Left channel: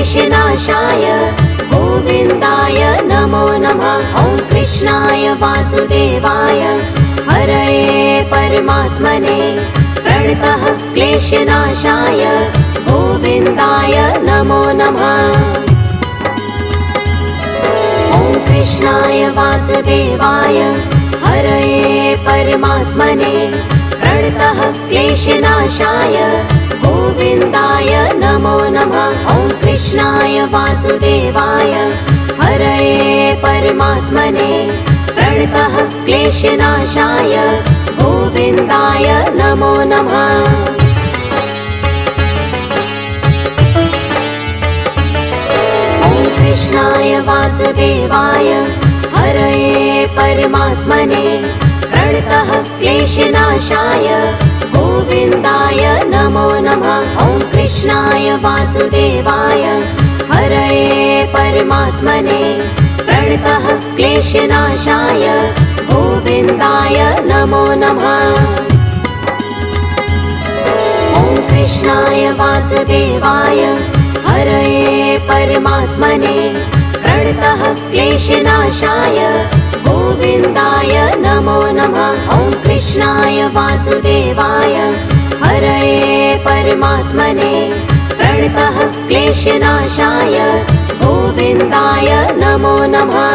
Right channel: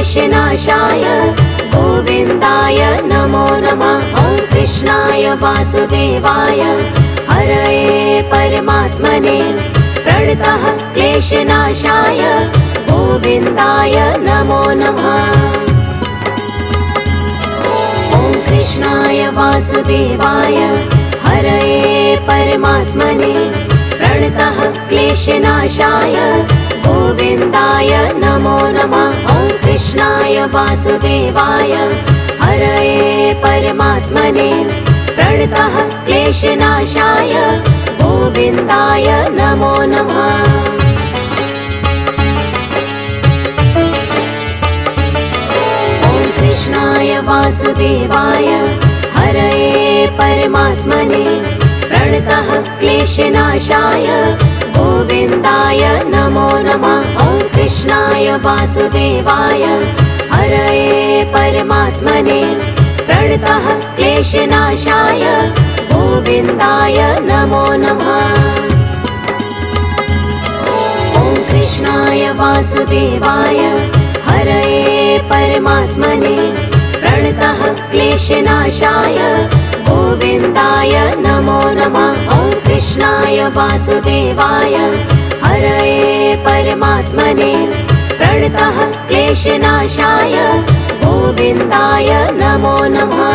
क्लेशनाशाय गोविन्दाय नमो नमः। ॐ कृष्णाय वासुदेवाय हरये परमात्मने प्रणतः क्लेशनाशाय गोविन्दाय नमो नमः। ॐ कृष्णाय वासुदेवाय हरये परमात्मने प्रणतः क्लेशनाशाय गोविन्दाय नमो नमः। ॐ कृष्णाय वासुदेवाय हरये परमात्मने प्रणतः क्लेशनाशाय गोविन्दाय नमो नमः। ॐ कृष्णाय वासुदेवाय हरये परमात्मने प्रणतः क्लेशनाशाय गोविन्दाय नमो नमः। ॐ कृष्णाय वासुदेवाय हरये परमात्मने प्रणतः क्लेशनाशाय गोविन्दाय नमो नमः। ॐ कृष्णाय वासुदेवाय हरये परमात्मने प्रणतः क्लेशनाशाय गोविन्दाय नमो नमः। ॐ कृष्णाय वासुदेवाय हरये परमात्मने प्रणतः क्लेशनाशाय गोविन्दाय नमो नमः।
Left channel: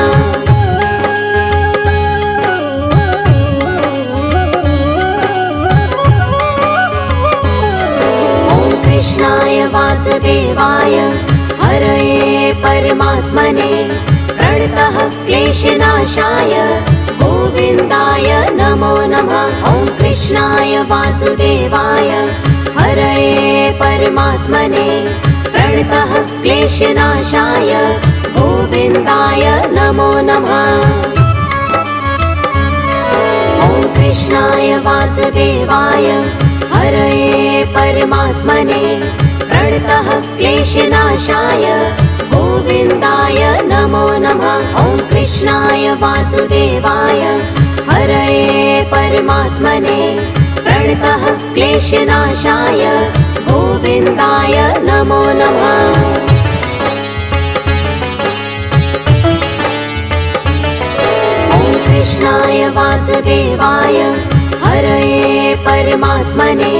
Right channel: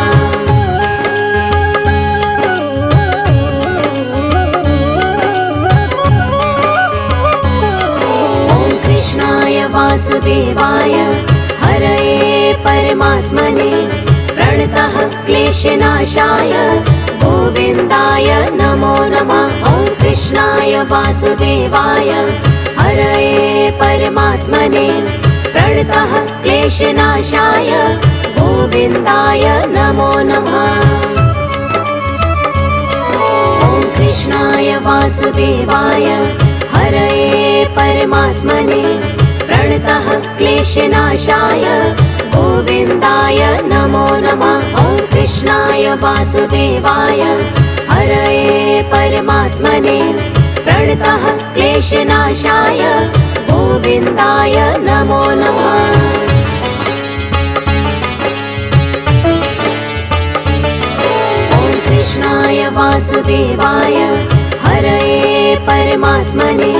ॐ कृष्णाय वासुदेवाय हरये परमात्मने प्रणतः क्लेशनाशाय गोविन्दाय नमो नमः। ॐ कृष्णाय वासुदेवाय हरये परमात्मने प्रणतः क्लेशनाशाय गोविन्दाय नमो नमः। ॐ कृष्णाय वासुदेवाय हरये परमात्मने प्रणतः क्लेशनाशाय गोविन्दाय नमो नमः। ॐ कृष्णाय वासुदेवाय हरये परमात्मने प्रणतः क्लेशनाशाय गोविन्दाय नमो नमः। ॐ कृष्णाय वासुदेवाय हरये परमात्मने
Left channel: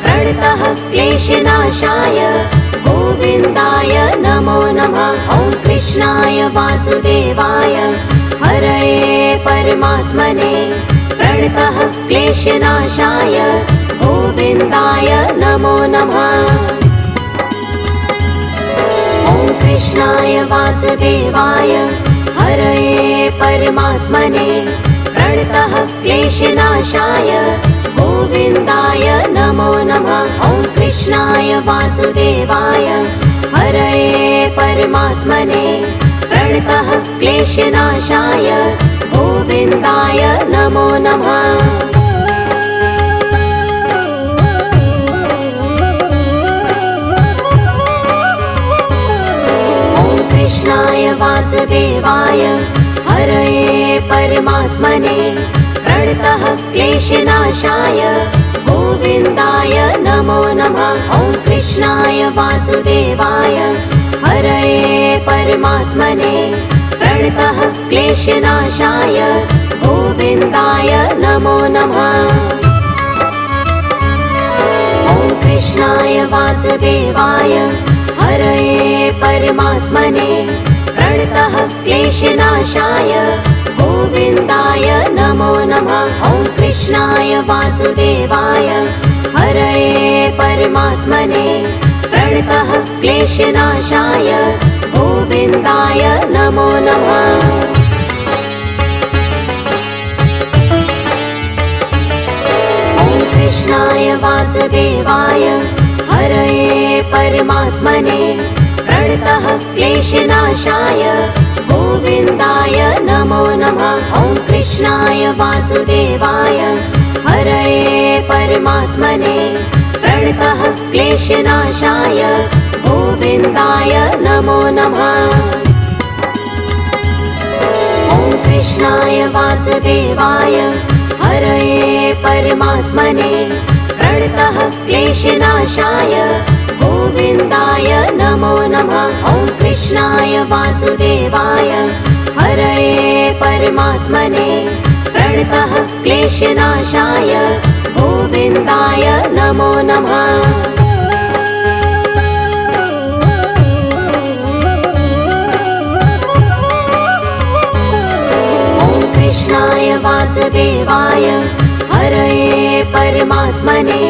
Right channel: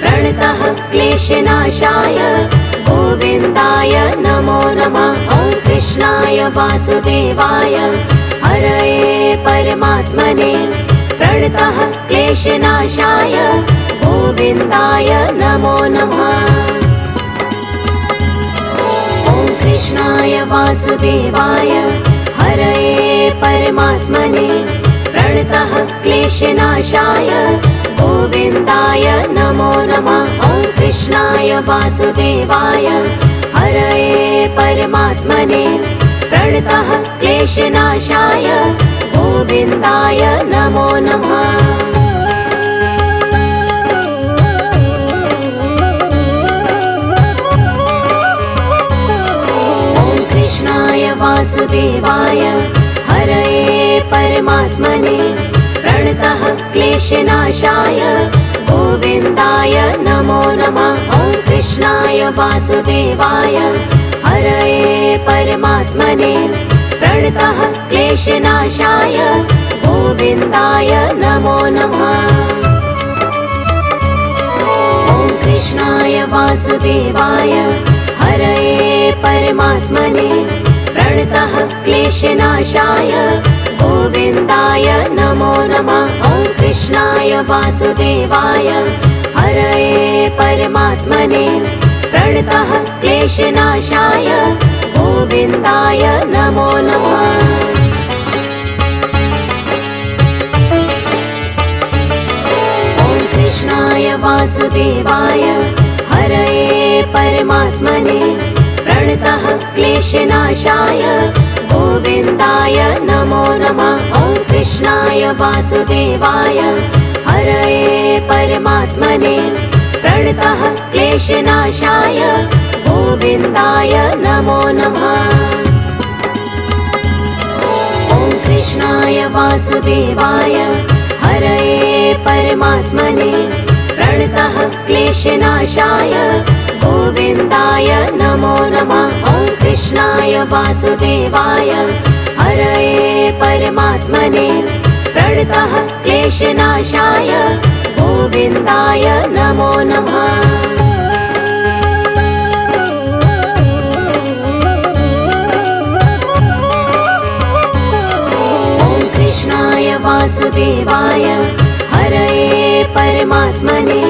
प्रणतः क्लेशनाशाय गोविन्दाय नमो नमः। ॐ कृष्णाय वासुदेवाय हरये परमात्मने प्रणतः क्लेशनाशाय गोविन्दाय नमो नमः। ॐ कृष्णाय वासुदेवाय हरये परमात्मने प्रणतः क्लेशनाशाय गोविन्दाय नमो नमः। ॐ कृष्णाय वासुदेवाय हरये परमात्मने प्रणतः क्लेशनाशाय गोविन्दाय नमो नमः। ॐ कृष्णाय वासुदेवाय हरये परमात्मने प्रणतः क्लेशनाशाय गोविन्दाय नमो नमः। ॐ कृष्णाय वासुदेवाय हरये परमात्मने प्रणतः क्लेशनाशाय गोविन्दाय नमो नमः। ॐ कृष्णाय वासुदेवाय हरये परमात्मने प्रणतः क्लेशनाशाय गोविन्दाय नमो नमः। ॐ कृष्णाय वासुदेवाय हरये परमात्मने प्रणतः क्लेशनाशाय गोविन्दाय नमो नमः। ॐ कृष्णाय वासुदेवाय हरये परमात्मने प्रणतः क्लेशनाशाय गोविन्दाय नमो नमः। ॐ कृष्णाय वासुदेवाय हरये परमात्मने प्रणतः क्लेशनाशाय गोविन्दाय नमो नमः। ॐ कृष्णाय वासुदेवाय हरये परमात्मने प्रणतः क्लेशनाशाय गोविन्दाय नमो नमः। वासुदेवाय हरये परमात्मने प्रणतः क्लेशनाशाय गोविन्दाय नमो नमः। वासुदेवाय हरये परमात्मने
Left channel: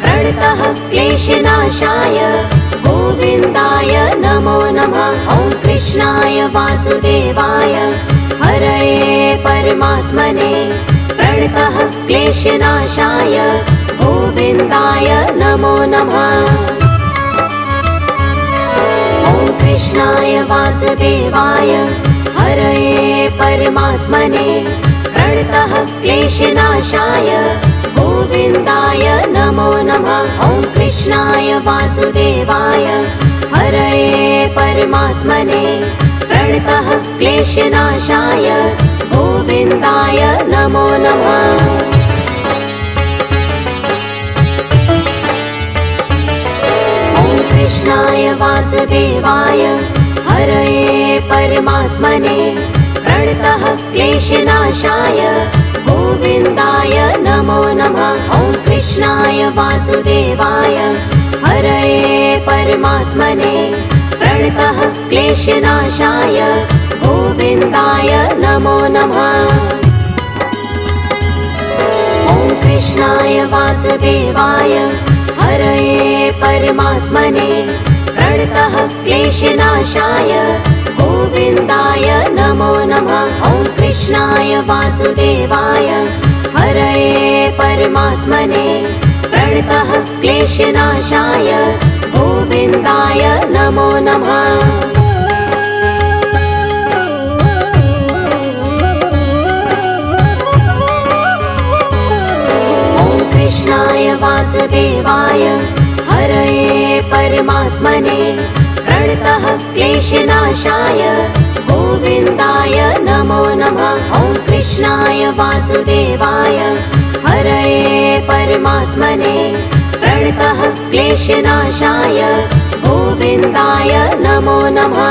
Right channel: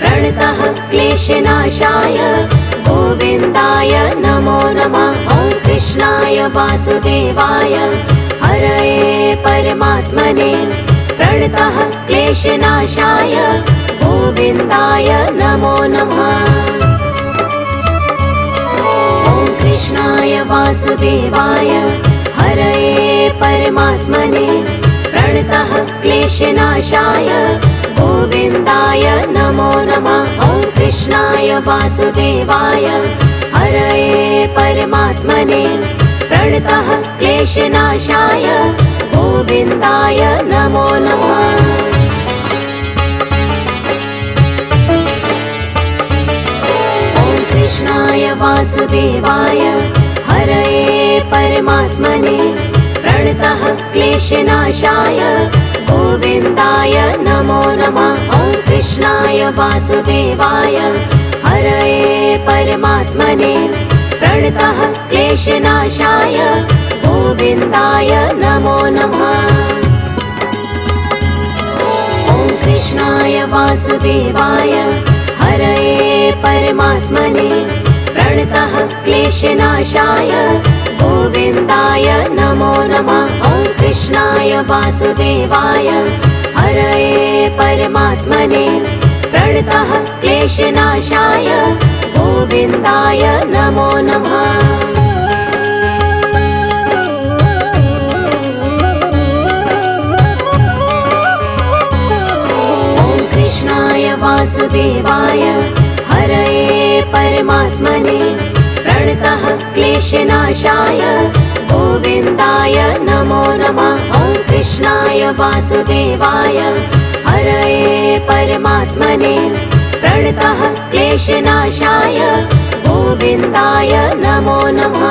प्रणतः क्लेशनाशाय गोविन्दाय नमो नमः। ॐ कृष्णाय वासुदेवाय हरये परमात्मने प्रणतः क्लेशनाशाय गोविन्दाय नमो नमः। ॐ कृष्णाय वासुदेवाय हरये परमात्मने प्रणतः क्लेशनाशाय गोविन्दाय नमो नमः। ॐ कृष्णाय वासुदेवाय हरये परमात्मने प्रणतः क्लेशनाशाय गोविन्दाय नमो नमः। ॐ कृष्णाय वासुदेवाय हरये परमात्मने प्रणतः क्लेशनाशाय गोविन्दाय नमो नमः। ॐ कृष्णाय वासुदेवाय हरये परमात्मने प्रणतः क्लेशनाशाय गोविन्दाय नमो नमः। ॐ कृष्णाय वासुदेवाय हरये परमात्मने प्रणतः क्लेशनाशाय गोविन्दाय नमो नमः। ॐ कृष्णाय वासुदेवाय हरये परमात्मने प्रणतः क्लेशनाशाय गोविन्दाय नमो नमः। ॐ कृष्णाय वासुदेवाय हरये परमात्मने प्रणतः क्लेशनाशाय गोविन्दाय नमो नमः। ॐ कृष्णाय वासुदेवाय हरये परमात्मने प्रणतः क्लेशनाशाय गोविन्दाय नमो नमः।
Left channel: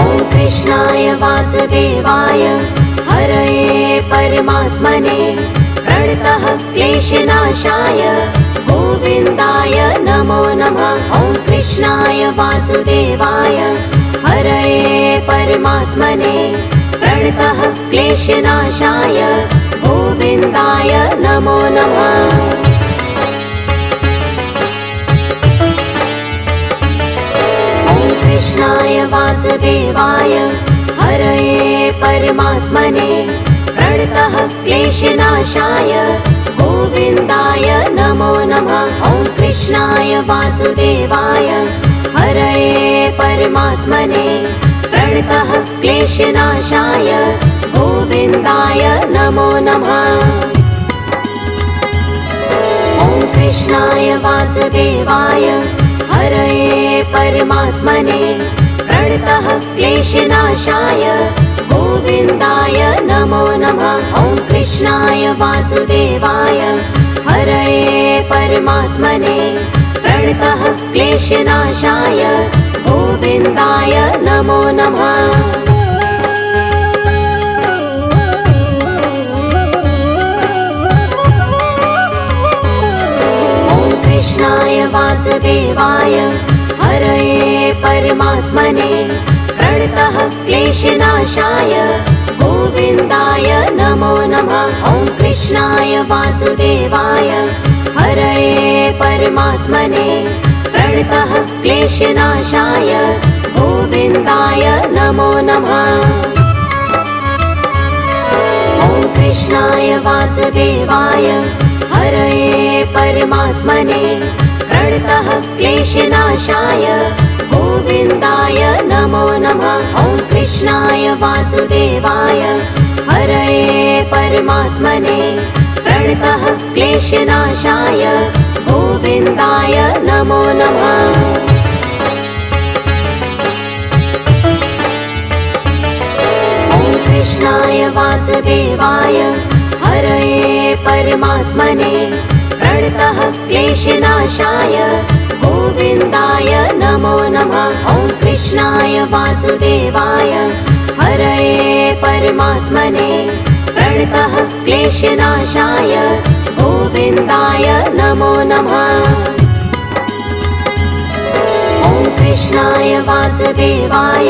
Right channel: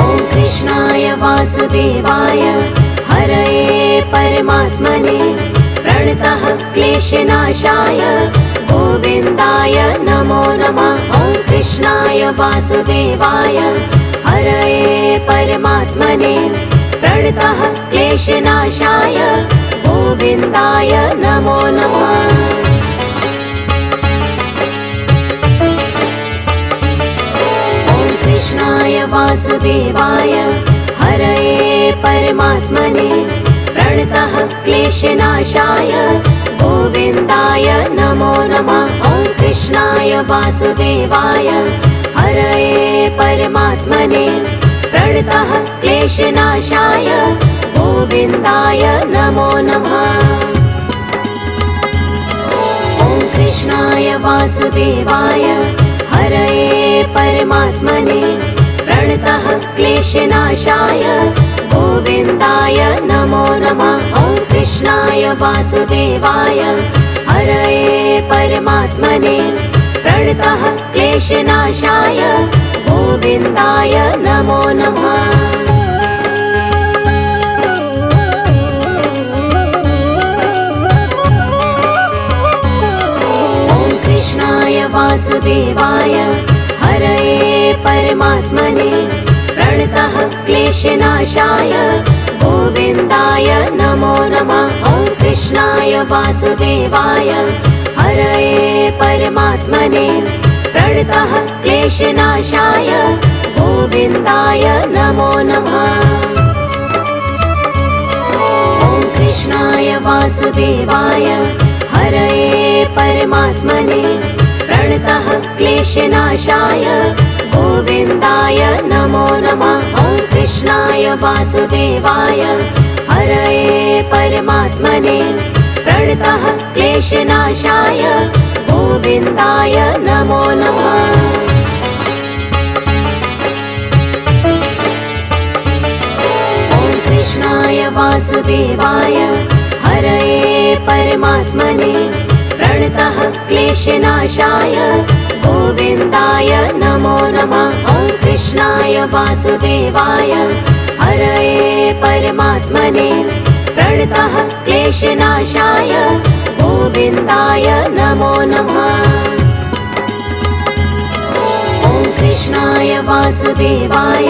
ॐ कृष्णाय वासुदेवाय हरये परमात्मने प्रणतः क्लेशनाशाय गोविन्दाय नमो नमः। ॐ कृष्णाय वासुदेवाय हरये परमात्मने प्रणतः क्लेशनाशाय गोविन्दाय नमो नमः। ॐ कृष्णाय वासुदेवाय हरये परमात्मने प्रणतः क्लेशनाशाय गोविन्दाय नमो नमः। ॐ कृष्णाय वासुदेवाय हरये परमात्मने प्रणतः क्लेशनाशाय गोविन्दाय नमो नमः। ॐ कृष्णाय वासुदेवाय हरये परमात्मने प्रणतः क्लेशनाशाय गोविन्दाय नमो नमः। ॐ कृष्णाय वासुदेवाय हरये परमात्मने प्रणतः क्लेशनाशाय गोविन्दाय नमो नमः। ॐ कृष्णाय वासुदेवाय हरये परमात्मने प्रणतः क्लेशनाशाय गोविन्दाय नमो नमः। ॐ कृष्णाय वासुदेवाय हरये परमात्मने प्रणतः क्लेशनाशाय गोविन्दाय नमो नमः। ॐ कृष्णाय वासुदेवाय हरये परमात्मने प्रणतः क्लेशनाशाय गोविन्दाय नमो नमः। ॐ कृष्णाय वासुदेवाय हरये परमात्मने प्रणतः क्लेशनाशाय गोविन्दाय नमो नमः। ॐ कृष्णाय वासुदेवाय हरये परमात्मने प्रणतः क्लेशनाशाय गोविन्दाय नमो नमः। वासुदेवाय हरये परमात्मने प्रणतः क्लेशनाशाय गोविन्दाय नमो नमः। ॐ कृष्णाय वासुदेवाय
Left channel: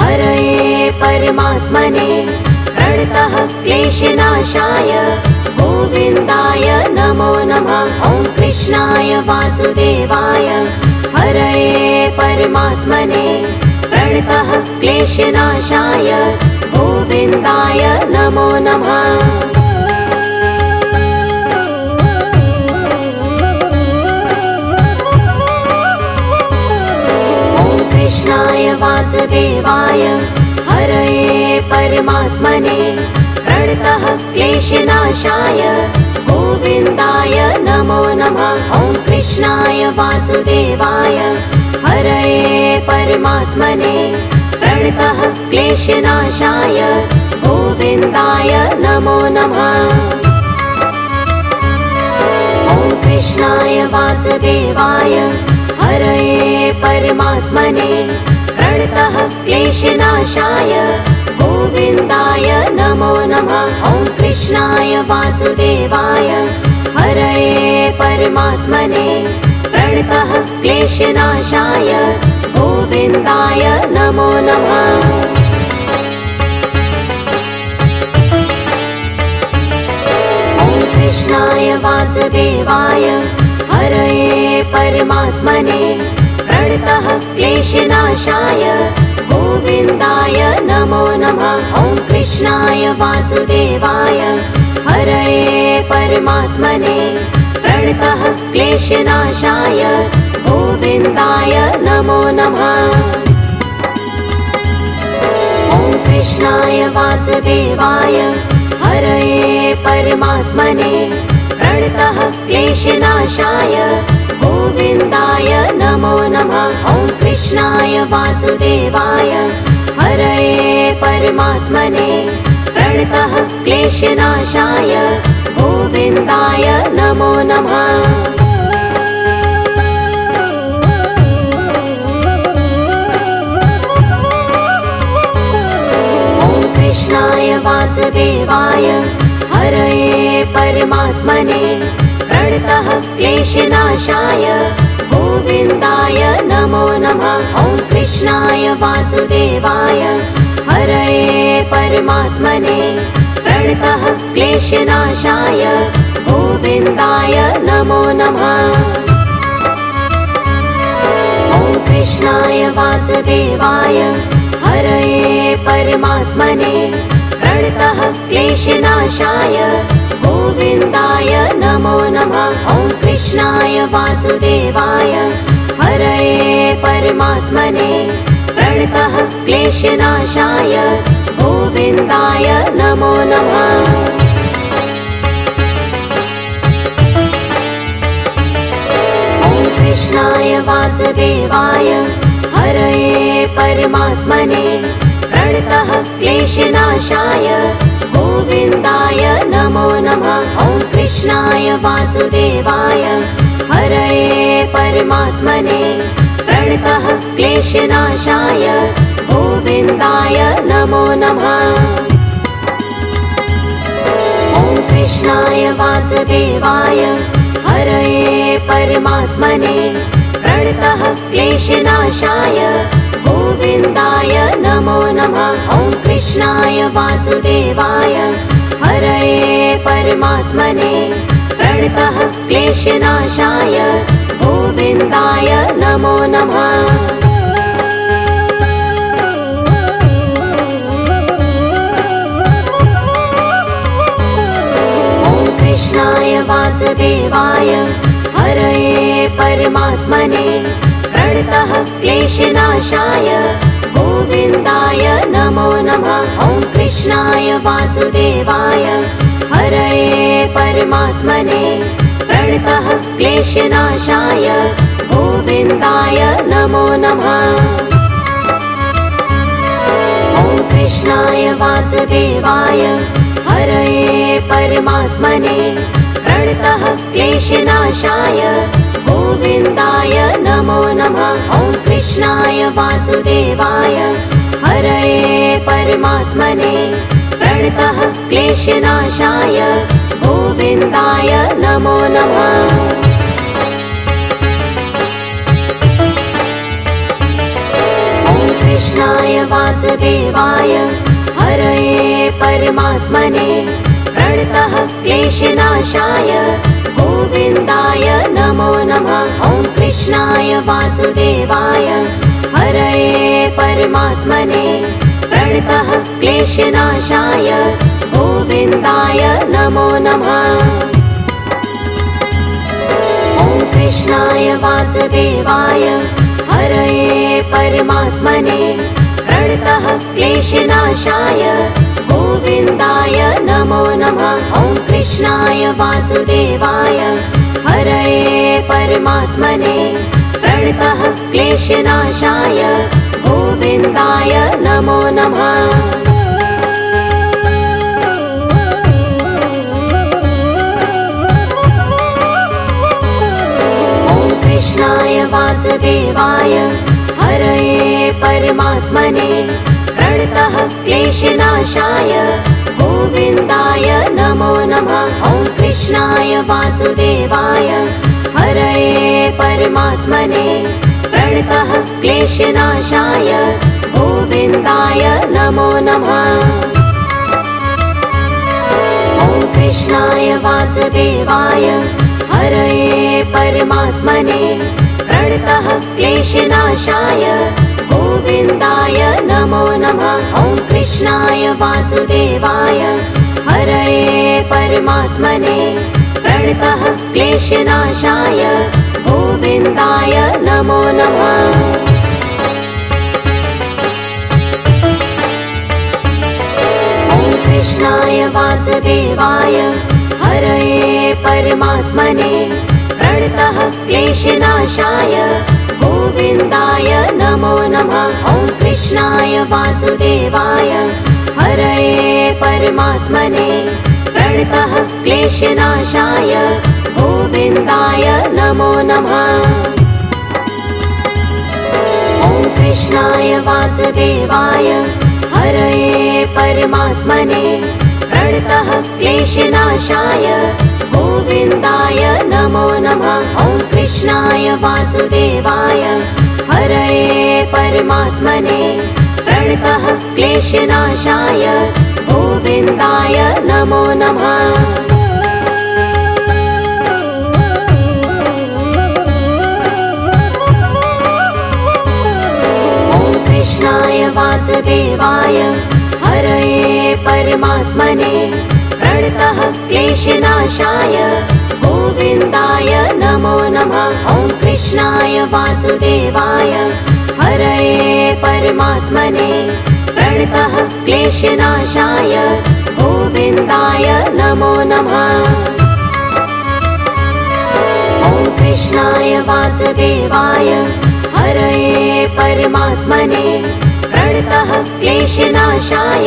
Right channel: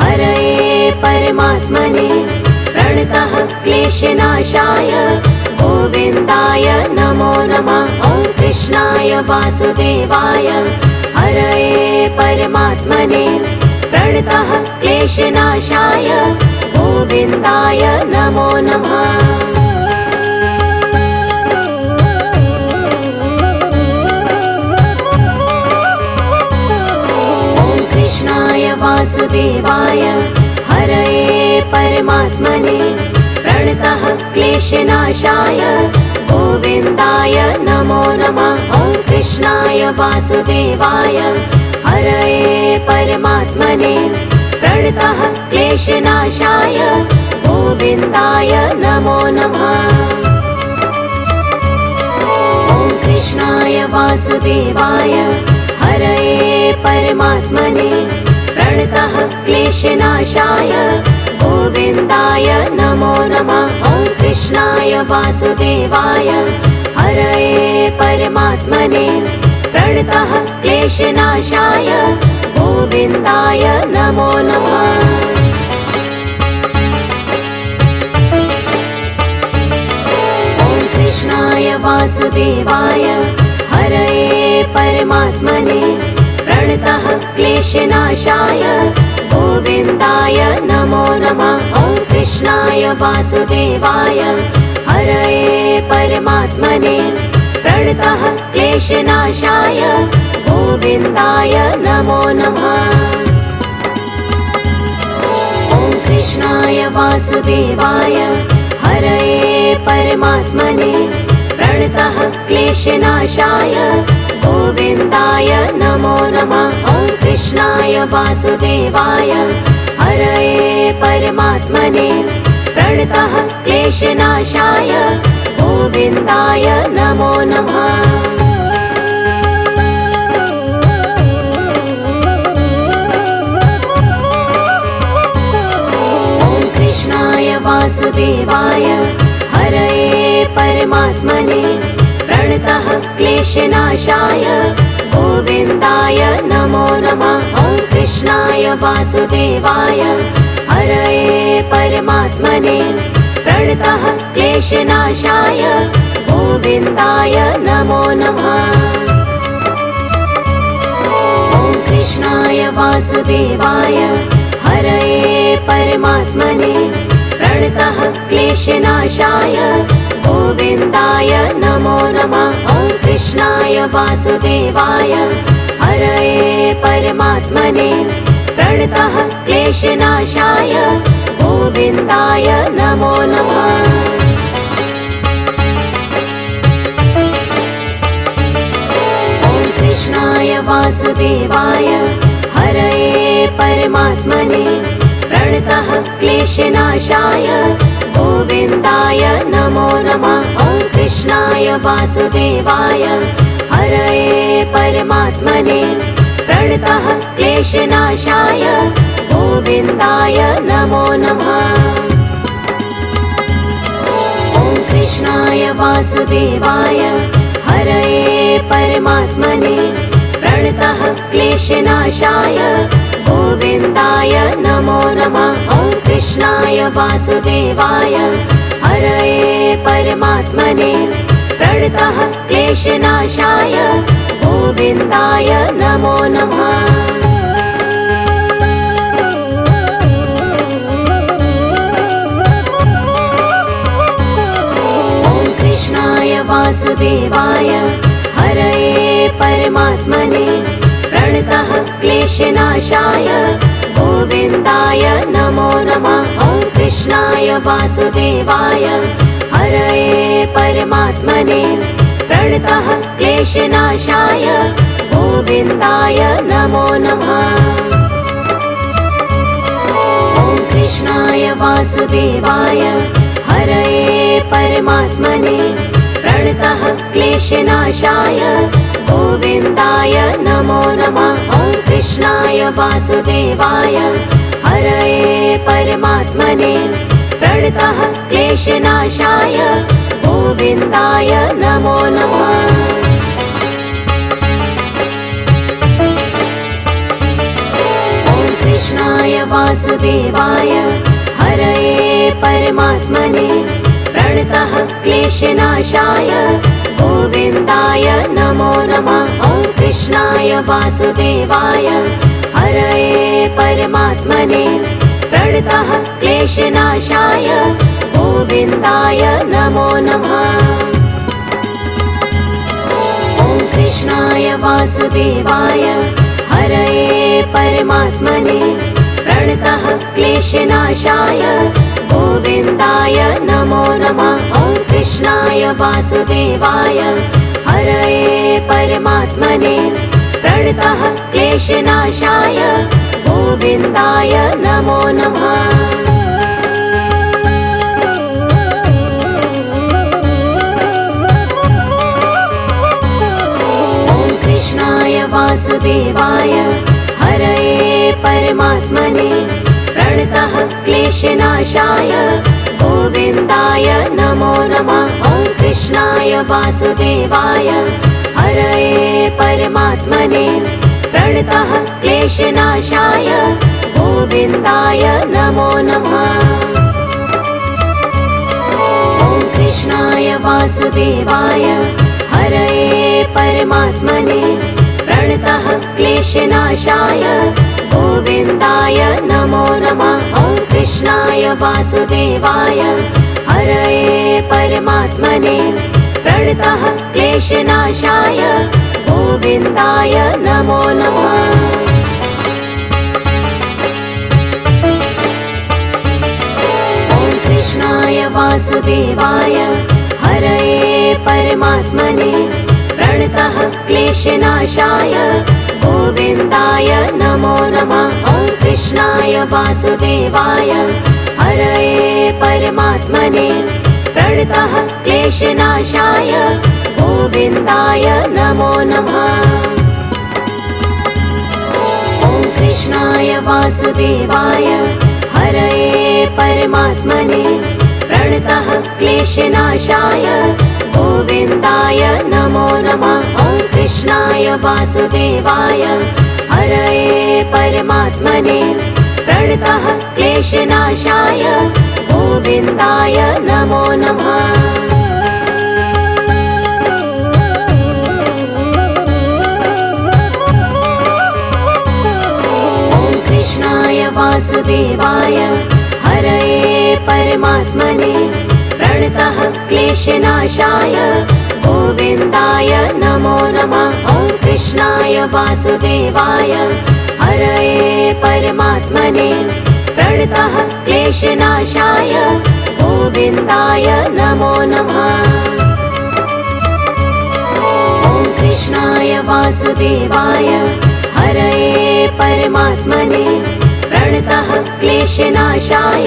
हरये परमात्मने प्रणतः क्लेशनाशाय गोविन्दाय नमो नमः। ॐ कृष्णाय वासुदेवाय हरये परमात्मने प्रणतः क्लेशनाशाय गोविन्दाय नमो नमः। ॐ कृष्णाय वासुदेवाय हरये परमात्मने प्रणतः क्लेशनाशाय गोविन्दाय नमो नमः। ॐ कृष्णाय वासुदेवाय हरये परमात्मने प्रणतः क्लेशनाशाय गोविन्दाय नमो नमः। ॐ कृष्णाय वासुदेवाय हरये परमात्मने प्रणतः क्लेशनाशाय गोविन्दाय नमो नमः। ॐ कृष्णाय वासुदेवाय हरये परमात्मने प्रणतः क्लेशनाशाय गोविन्दाय नमो नमः। ॐ कृष्णाय वासुदेवाय हरये परमात्मने प्रणतः क्लेशनाशाय गोविन्दाय नमो नमः। ॐ कृष्णाय वासुदेवाय हरये परमात्मने प्रणतः क्लेशनाशाय गोविन्दाय नमो नमः। ॐ कृष्णाय वासुदेवाय हरये परमात्मने प्रणतः क्लेशनाशाय गोविन्दाय नमो नमः। ॐ कृष्णाय वासुदेवाय हरये परमात्मने प्रणतः क्लेशनाशाय गोविन्दाय नमो नमः। ॐ कृष्णाय वासुदेवाय हरये परमात्मने प्रणतः क्लेशनाशाय गोविन्दाय नमो नमः। ॐ कृष्णाय वासुदेवाय हरये परमात्मने प्रणतः क्लेशनाशाय गोविन्दाय नमो नमः। ॐ कृष्णाय वासुदेवाय हरये परमात्मने प्रणतः क्लेशनाशाय गोविन्दाय नमो नमः। ॐ कृष्णाय वासुदेवाय हरये परमात्मने प्रणतः क्लेशनाशाय गोविन्दाय नमो नमः। ॐ कृष्णाय वासुदेवाय हरये परमात्मने प्रणतः क्लेशनाशाय गोविन्दाय नमो नमः। ॐ कृष्णाय वासुदेवाय हरये परमात्मने प्रणतः क्लेशनाशाय गोविन्दाय नमो नमः। ॐ कृष्णाय वासुदेवाय हरये परमात्मने प्रणतः क्लेशनाशाय गोविन्दाय नमो नमः। ॐ कृष्णाय वासुदेवाय हरये परमात्मने प्रणतः क्लेशनाशाय गोविन्दाय नमो नमः। ॐ कृष्णाय वासुदेवाय हरये परमात्मने प्रणतः क्लेशनाशाय गोविन्दाय नमो नमः। ॐ कृष्णाय वासुदेवाय हरये परमात्मने प्रणतः क्लेशनाशाय गोविन्दाय नमो नमः। ॐ कृष्णाय वासुदेवाय हरये परमात्मने प्रणतः क्लेशनाशाय गोविन्दाय नमो नमः। ॐ कृष्णाय वासुदेवाय क्लेशनाशाय गोविन्दाय नमो नमः। कृष्णाय वासुदेवाय हरये परमात्मने प्रणतः क्लेशनाशाय गोविन्दाय नमो नमः। ॐ कृष्णाय वासुदेवाय हरये परमात्मने प्रणतः क्लेशनाशाय गोविन्दाय नमो नमः। ॐ कृष्णाय वासुदेवाय हरये परमात्मने प्रणतः क्लेशनाशाय गोविन्दाय नमो नमः। ॐ कृष्णाय वासुदेवाय हरये परमात्मने प्रणतः क्लेशनाशाय गोविन्दाय नमो नमः। वासुदेवाय हरये परमात्मने प्रणतः क्लेशनाशाय गोविन्दाय नमो नमः। ॐ कृष्णाय वासुदेवाय हरये परमात्मने प्रणतः क्लेशनाशाय गोविन्दाय नमो नमः। ॐ कृष्णाय वासुदेवाय हरये परमात्मने प्रणतः क्लेशनाशाय गोविन्दाय नमो नमः। ॐ कृष्णाय वासुदेवाय हरये परमात्मने प्रणतः क्लेशनाशाय गोविन्दाय नमो नमः। ॐ कृष्णाय वासुदेवाय हरये परमात्मने प्रणतः क्लेशनाशाय गोविन्दाय नमो नमः। ॐ कृष्णाय वासुदेवाय हरये परमात्मने प्रणतः क्लेशनाशाय गोविन्दाय नमो नमः। ॐ कृष्णाय वासुदेवाय हरये परमात्मने प्रणतः क्लेशनाशाय गोविन्दाय नमो नमः। ॐ कृष्णाय वासुदेवाय हरये परमात्मने प्रणतः क्लेशनाशाय गोविन्दाय नमो नमः। ॐ कृष्णाय वासुदेवाय हरये परमात्मने प्रणतः क्लेशनाशाय गोविन्दाय नमो नमः। ॐ कृष्णाय वासुदेवाय हरये परमात्मने प्रणतः क्लेशनाशाय गोविन्दाय नमो नमः। ॐ कृष्णाय वासुदेवाय हरये परमात्मने प्रणतः क्लेशनाशाय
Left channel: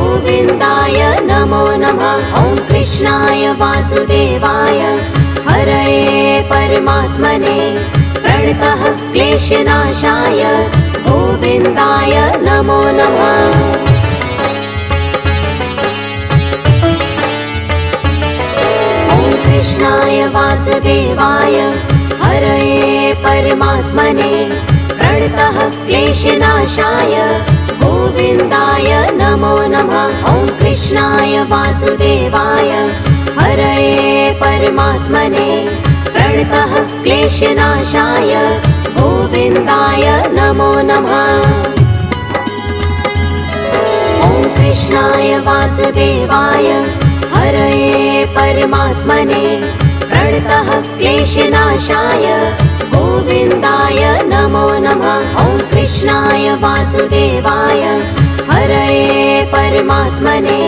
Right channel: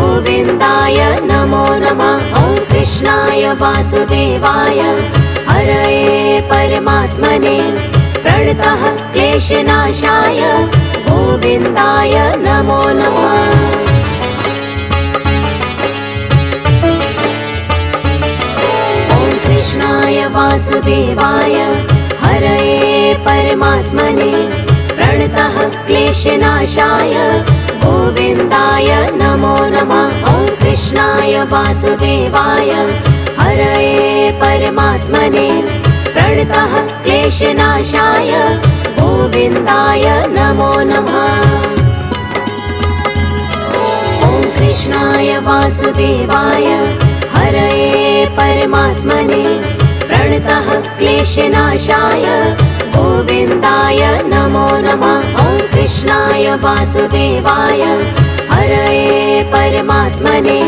गोविन्दाय नमो नमः। ॐ कृष्णाय वासुदेवाय हरये परमात्मने प्रणतः क्लेशनाशाय गोविन्दाय नमो नमः। ॐ कृष्णाय वासुदेवाय हरये परमात्मने प्रणतः क्लेशनाशाय गोविन्दाय नमो नमः। ॐ कृष्णाय वासुदेवाय हरये परमात्मने प्रणतः क्लेशनाशाय गोविन्दाय नमो नमः। ॐ कृष्णाय वासुदेवाय हरये परमात्मने प्रणतः क्लेशनाशाय गोविन्दाय नमो नमः। ॐ कृष्णाय वासुदेवाय हरये परमात्मने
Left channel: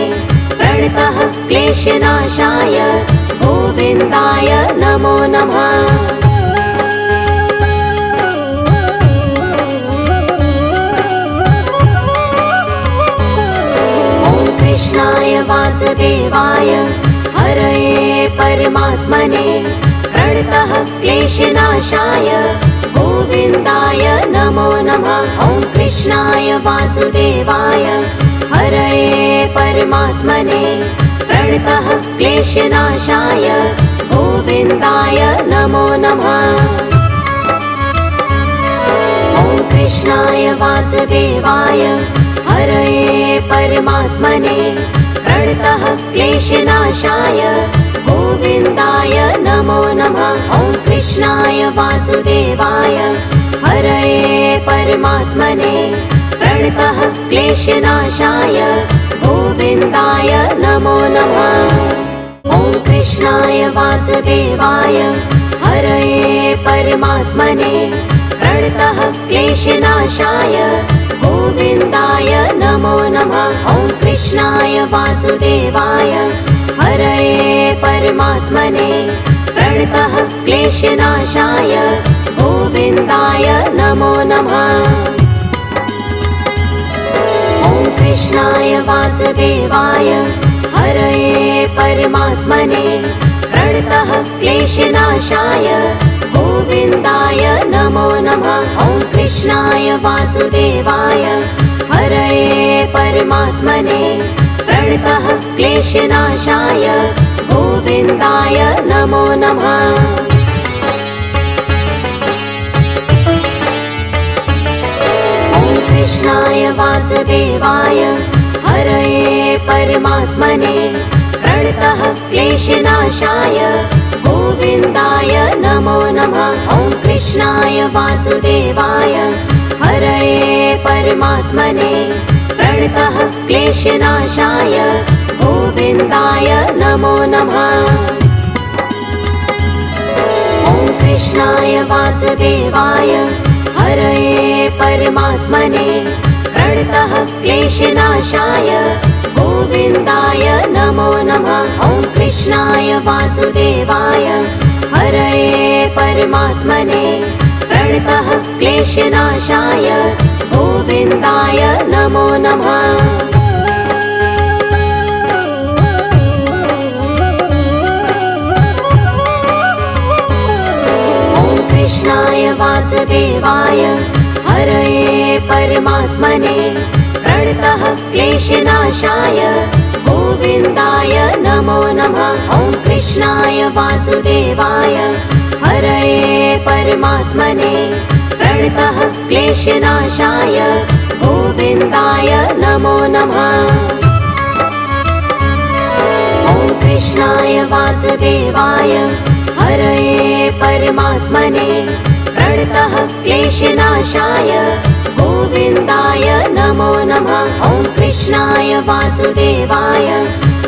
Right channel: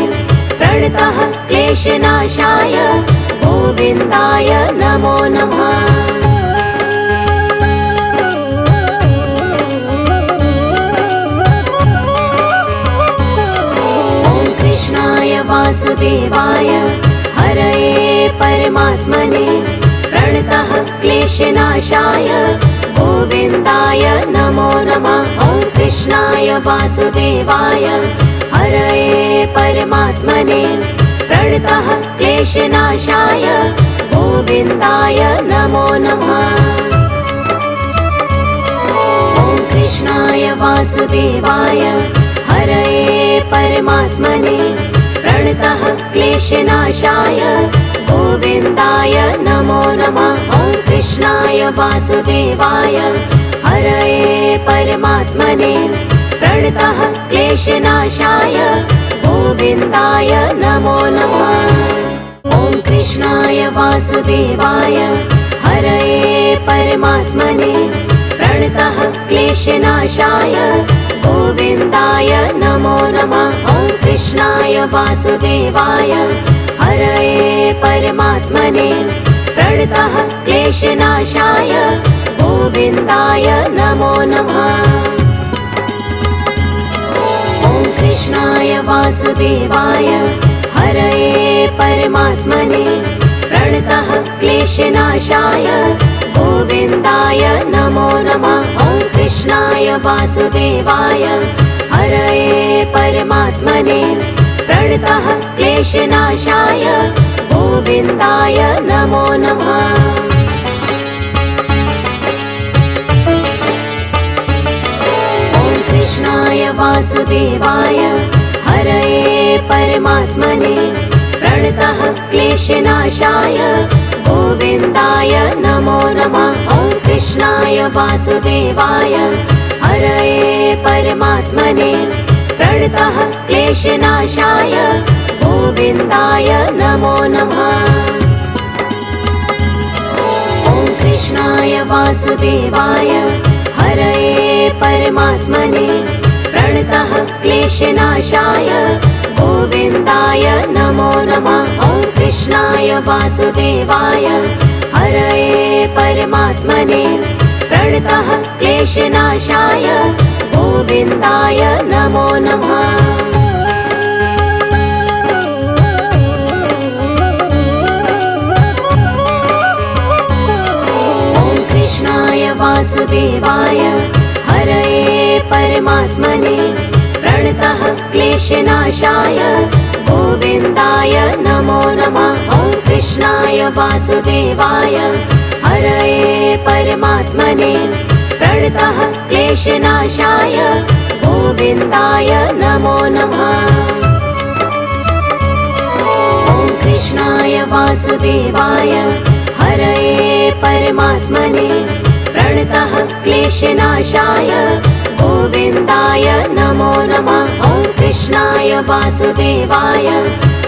प्रणतः क्लेशनाशाय गोविन्दाय नमो नमः। वासुदेवाय हरये परमात्मने प्रणतः क्लेशनाशाय गोविन्दाय नमो नमः। ॐ कृष्णाय वासुदेवाय हरये परमात्मने प्रणतः क्लेशनाशाय गोविन्दाय नमो नमः। ॐ कृष्णाय वासुदेवाय हरये परमात्मने प्रणतः क्लेशनाशाय गोविन्दाय नमो नमः। ॐ कृष्णाय वासुदेवाय हरये परमात्मने प्रणतः क्लेशनाशाय गोविन्दाय नमो नमः। ॐ कृष्णाय वासुदेवाय हरये परमात्मने प्रणतः क्लेशनाशाय गोविन्दाय नमो नमः। ॐ कृष्णाय वासुदेवाय हरये परमात्मने प्रणतः क्लेशनाशाय गोविन्दाय नमो नमः। ॐ कृष्णाय वासुदेवाय हरये परमात्मने प्रणतः क्लेशनाशाय गोविन्दाय नमो नमः। ॐ कृष्णाय वासुदेवाय हरये परमात्मने प्रणतः क्लेशनाशाय गोविन्दाय नमो नमः। ॐ कृष्णाय वासुदेवाय हरये परमात्मने प्रणतः क्लेशनाशाय गोविन्दाय नमो नमः। ॐ कृष्णाय वासुदेवाय हरये परमात्मने प्रणतः क्लेशनाशाय गोविन्दाय नमो नमः। ॐ कृष्णाय वासुदेवाय हरये परमात्मने प्रणतः क्लेशनाशाय गोविन्दाय नमो नमः। ॐ कृष्णाय वासुदेवाय हरये परमात्मने प्रणतः क्लेशनाशाय गोविन्दाय नमो नमः। ॐ कृष्णाय वासुदेवाय हरये परमात्मने प्रणतः क्लेशनाशाय गोविन्दाय नमो नमः। ॐ कृष्णाय वासुदेवाय हरये परमात्मने प्रणतः क्लेशनाशाय गोविन्दाय नमो नमः। ॐ कृष्णाय वासुदेवाय हरये परमात्मने प्रणतः क्लेशनाशाय गोविन्दाय नमो नमः। ॐ कृष्णाय वासुदेवाय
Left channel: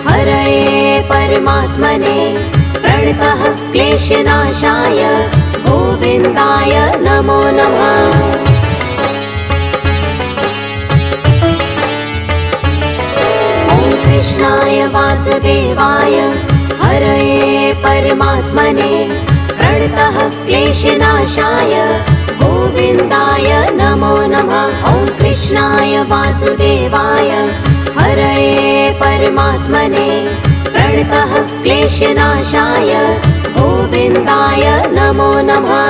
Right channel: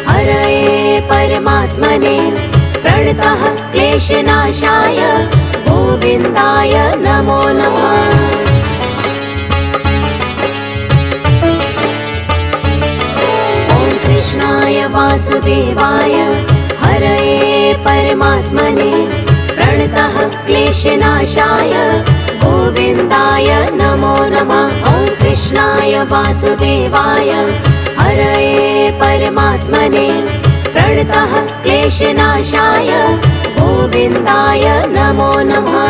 हरये परमात्मने प्रणतः क्लेशनाशाय गोविन्दाय नमो नमः। ॐ कृष्णाय वासुदेवाय हरये परमात्मने प्रणतः क्लेशनाशाय गोविन्दाय नमो नमः। ॐ कृष्णाय वासुदेवाय हरये परमात्मने प्रणतः क्लेशनाशाय गोविन्दाय नमो नमः।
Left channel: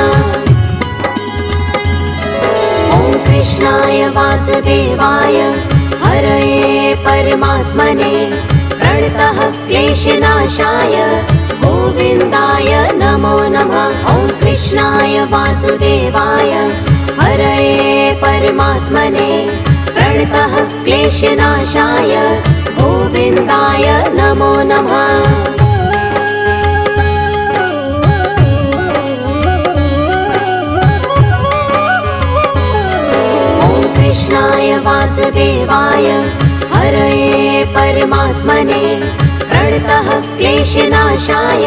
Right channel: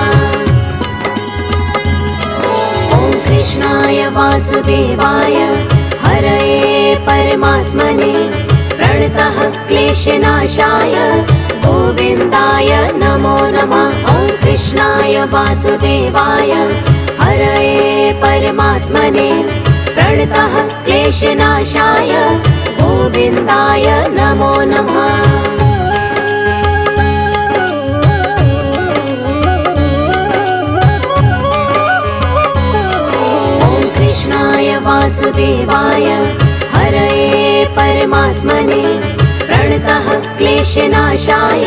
ॐ कृष्णाय वासुदेवाय हरये परमात्मने प्रणतः क्लेशनाशाय गोविन्दाय नमो नमः। ॐ कृष्णाय वासुदेवाय हरये परमात्मने प्रणतः क्लेशनाशाय गोविन्दाय नमो नमः। ॐ कृष्णाय वासुदेवाय हरये परमात्मने प्रणतः क्लेशनाशाय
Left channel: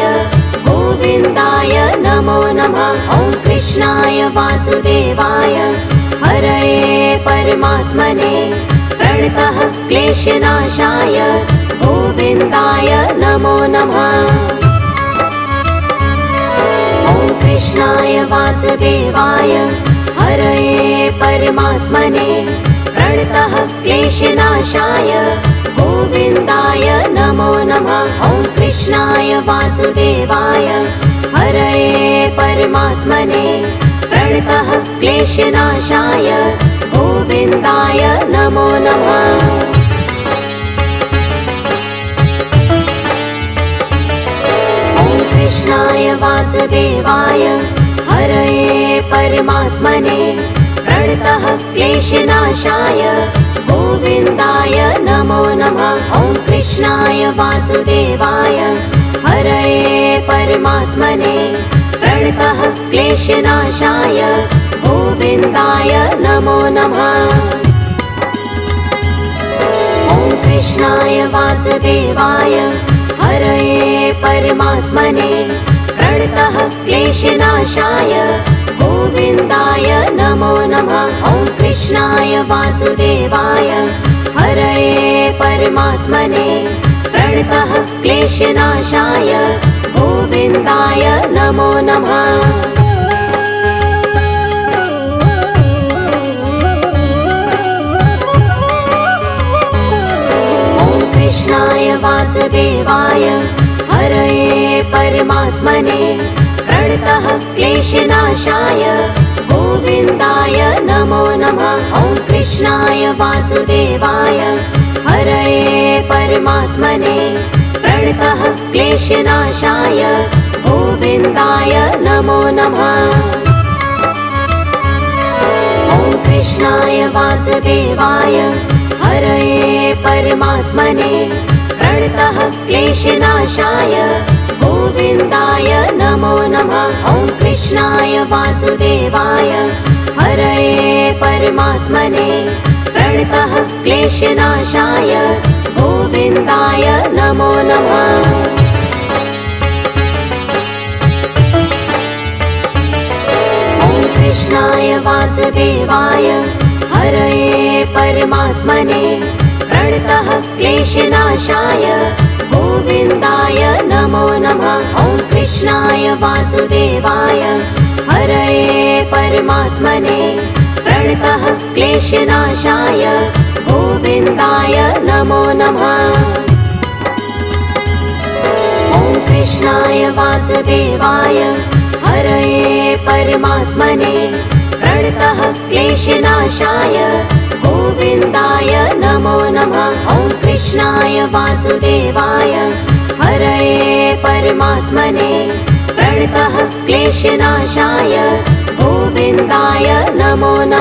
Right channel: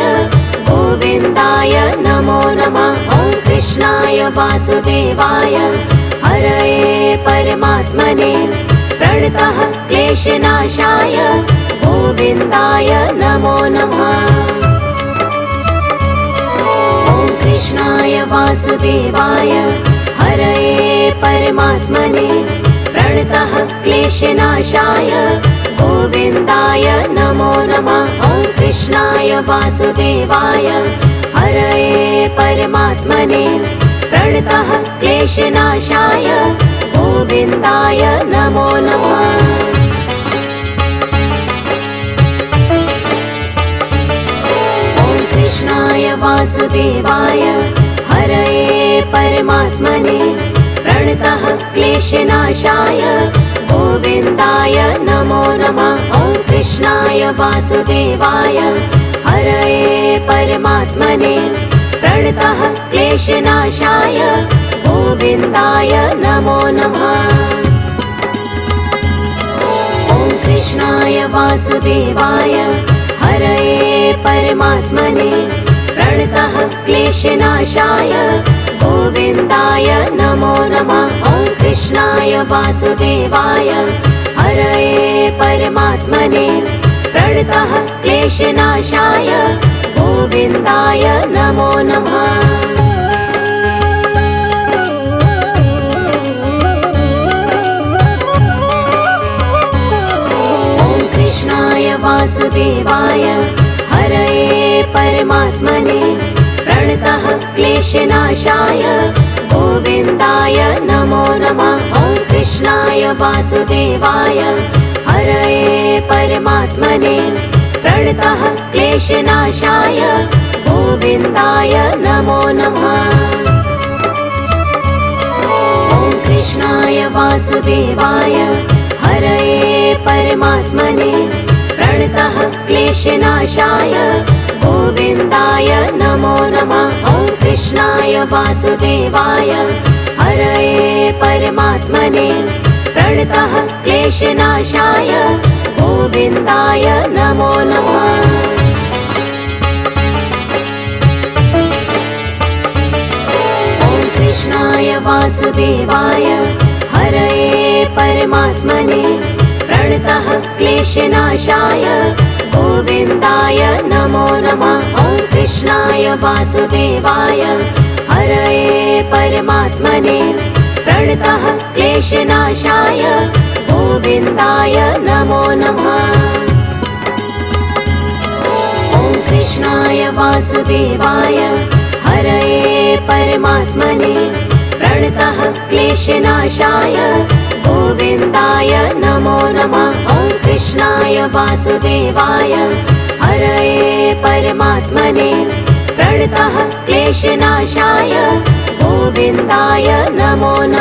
गोविन्दाय नमो नमः। ॐ कृष्णाय वासुदेवाय हरये परमात्मने प्रणतः क्लेशनाशाय गोविन्दाय नमो नमः। ॐ कृष्णाय वासुदेवाय हरये परमात्मने प्रणतः क्लेशनाशाय गोविन्दाय नमो नमः। ॐ कृष्णाय वासुदेवाय हरये परमात्मने प्रणतः क्लेशनाशाय गोविन्दाय नमो नमः। वासुदेवाय हरये परमात्मने प्रणतः क्लेशनाशाय गोविन्दाय नमो नमः। ॐ कृष्णाय वासुदेवाय हरये परमात्मने प्रणतः क्लेशनाशाय गोविन्दाय नमो नमः। ॐ कृष्णाय वासुदेवाय हरये परमात्मने प्रणतः क्लेशनाशाय गोविन्दाय नमो नमः। ॐ कृष्णाय वासुदेवाय हरये परमात्मने प्रणतः क्लेशनाशाय गोविन्दाय नमो नमः। वासुदेवाय हरये परमात्मने प्रणतः क्लेशनाशाय गोविन्दाय नमो नमः। ॐ कृष्णाय वासुदेवाय हरये परमात्मने प्रणतः क्लेशनाशाय गोविन्दाय नमो नमः। ॐ कृष्णाय वासुदेवाय हरये परमात्मने प्रणतः क्लेशनाशाय गोविन्दाय नमो नमः। ॐ कृष्णाय वासुदेवाय हरये परमात्मने प्रणतः क्लेशनाशाय गोविन्दाय नमो नमः। ॐ कृष्णाय वासुदेवाय हरये परमात्मने प्रणतः क्लेशनाशाय गोविन्दाय नमो नमः। ॐ कृष्णाय वासुदेवाय हरये परमात्मने प्रणतः क्लेशनाशाय गोविन्दाय नमो नमः। ॐ कृष्णाय वासुदेवाय हरये परमात्मने प्रणतः क्लेशनाशाय गोविन्दाय नमो नमः। ॐ कृष्णाय वासुदेवाय हरये परमात्मने प्रणतः क्लेशनाशाय गोविन्दाय नमो नमः।